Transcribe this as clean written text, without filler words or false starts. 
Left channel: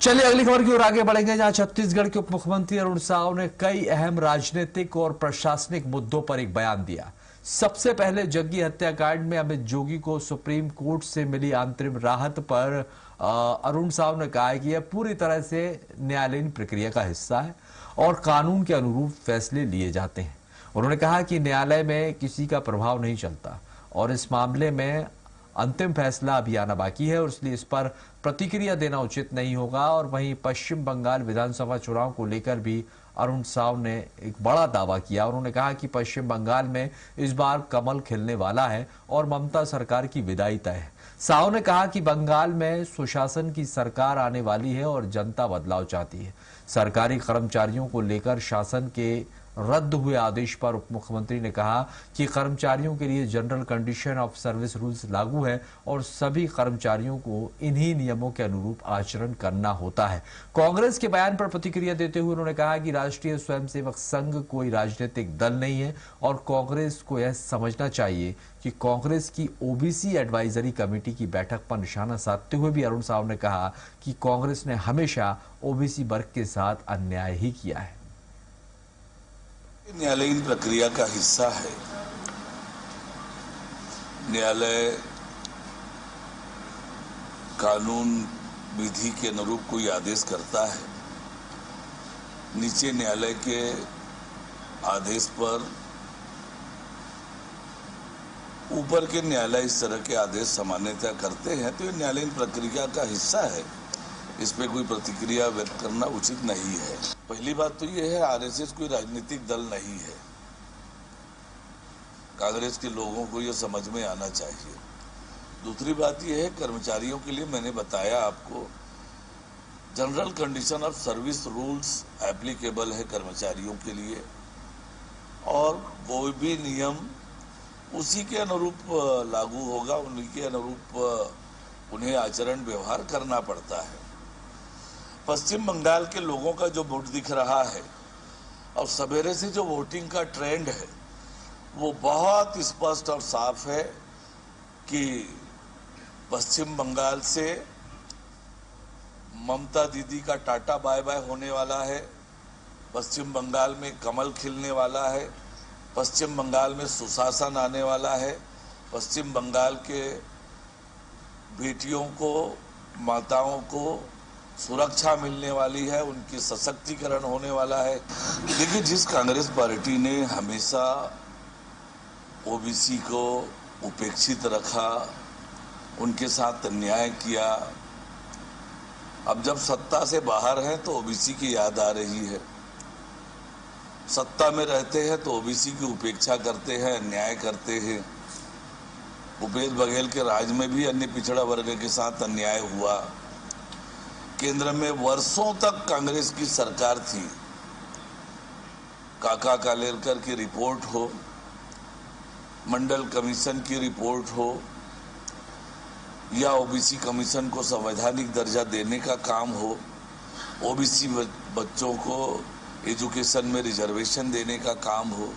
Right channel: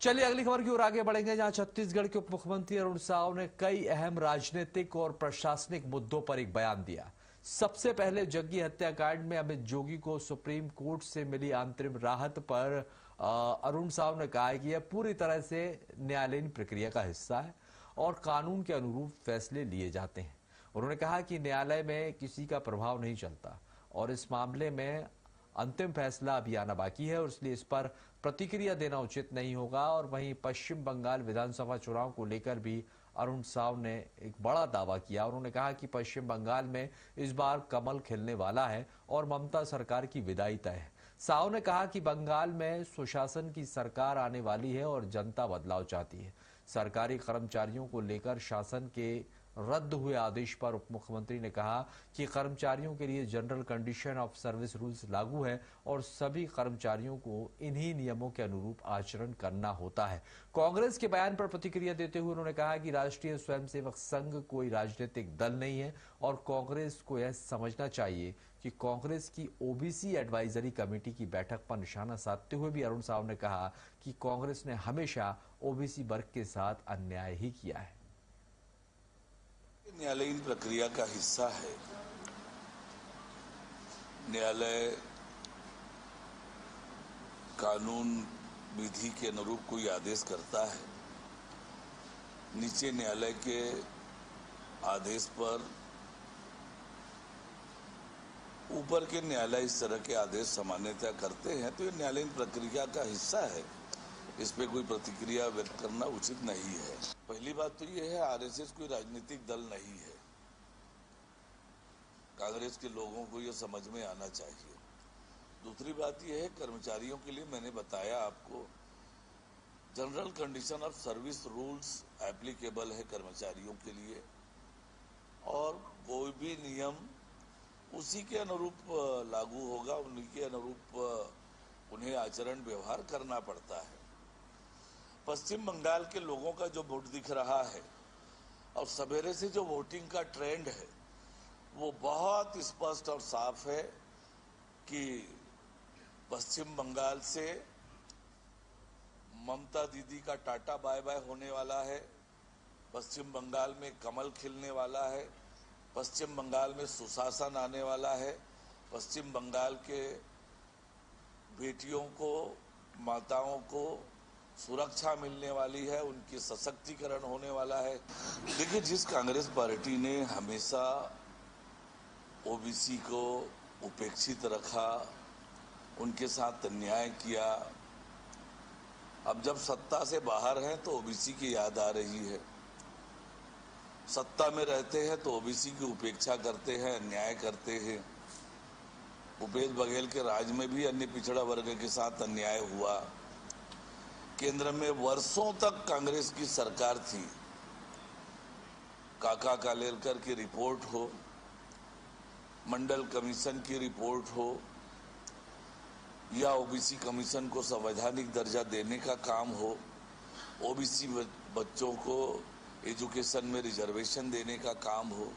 चलिए अगली खबर की ओर आगे बढ़ेंगे, जहां छत्तीसगढ़ के उप मुख्यमंत्री अरुण साव ने कई अहम राजनीतिक और प्रशासनिक मुद्दों पर एक बयान दिया। सबसे पहले जग्गी हत्याकांड में अमित जोगी को सुप्रीम कोर्ट से मिली अंतरिम राहत पर अरुण साव ने कहा है कि यह पूरी तरह से न्यायालयीन प्रक्रिया का हिस्सा है और कानून के अनुरूप फैसले लिए जाते हैं। उन्होंने कहा कि न्यायालय में किसी का प्रभाव नहीं चलता और इस मामले में अंतिम फैसला अभी आना बाकी है और इसलिए इस पर प्रतिक्रिया देना उचित नहीं होगा। और वहीं पश्चिम बंगाल विधानसभा चुनाव को लेकर भी अरुण साव ने एक बड़ा दावा किया। उन्होंने कहा कि पश्चिम बंगाल में इस बार कमल खिलने वाला है और ममता सरकार की विदाई तय है। साव ने कहा कि बंगाल में सुशासन की सरकार आने वाली है और जनता बदलाव चाहती है। सरकारी कर्मचारियों को लेकर शासन के रद्द हुए आदेश पर उप मुख्यमंत्री ने कहा कि कर्मचारियों के लिए general condition of service rules लागू है और सभी कर्मचारियों को इन्हीं नियमों के अनुरूप आचरण करना होता है। कांग्रेस के बयान पर प्रतिक्रिया देते हुए उन्होंने कहा कि राष्ट्रीय स्वयंसेवक संघ कोई राजनीतिक दल नहीं है और कांग्रेस को यह समझना चाहिए कि कांग्रेस की ओबीसी एडवाइजरी कमेटी की बैठक पर निशाना साधते हुए भी अरुण साव ने कहा कि कांग्रेस ने हमेशा ओबीसी वर्ग के साथ अन्याय ही किया है। न्यायालयीन प्रक्रिया का हिस्सा है। न्यायालय कानून विधि के अनुरूप कोई आदेश करता है, नीचे न्यायालय के आदेश पर ऊपर के न्यायालय इस तरह के आदेश सामान्यतः करते हैं, तो ये न्यायालयीन प्रक्रिया का हिस्सा है। इस पे कोई प्रतिक्रिया व्यक्त करना उचित नहीं है। पहली बात तो ये है, आरएसएस कोई राजनीतिक दल नहीं है। कांग्रेस के लोगों को ये समझ में आना चाहिए। दूसरी बात ये है, कर्मचारियों के लिए मैंने बताया आपको, general condition of service rules applicable है कर्मचारियों के लिए और वो भी नियम उसी के अनुरूप लागू होगा, उन्हीं के अनुरूप उन्हें आचरण व्यवहार करना पड़ता है। पश्चिम बंगाल के लोगों का जो वोट दिख रहा है और सवेरे से जो वोटिंग का ट्रेंड है वो बहुत स्पष्ट और साफ है कि पश्चिम बंगाल से ममता दीदी का टाटा बाय बाय होने वाला है, पश्चिम बंगाल में कमल खिलने वाला है, पश्चिम बंगाल में सुशासन आने वाला है, पश्चिम बंगाल के बेटियों को, माताओं को सुरक्षा मिलने वाली है, उनकी सशक्तिकरण होने वाला है। देखिए, जिस कांग्रेस पार्टी ने हमेशा ओबीसी को उपेक्षित रखा, उनके साथ अन्याय किया, अब जब सत्ता से बाहर है तो ओबीसी की याद आ रही है। सत्ता में रहते हैं तो ओबीसी की उपेक्षा करते हैं, अन्याय करते हैं। भूपेश बघेल के राज में भी अन्य पिछड़ा वर्ग के साथ अन्याय हुआ। केंद्र में वर्षों तक कांग्रेस की सरकार थी। काका कालेलकर की रिपोर्ट हो, मंडल कमीशन की रिपोर्ट हो या ओबीसी कमीशन को संवैधानिक दर्जा देने का काम हो, ओबीसी बच्चों को एजुकेशन में रिजर्वेशन देने का काम हो,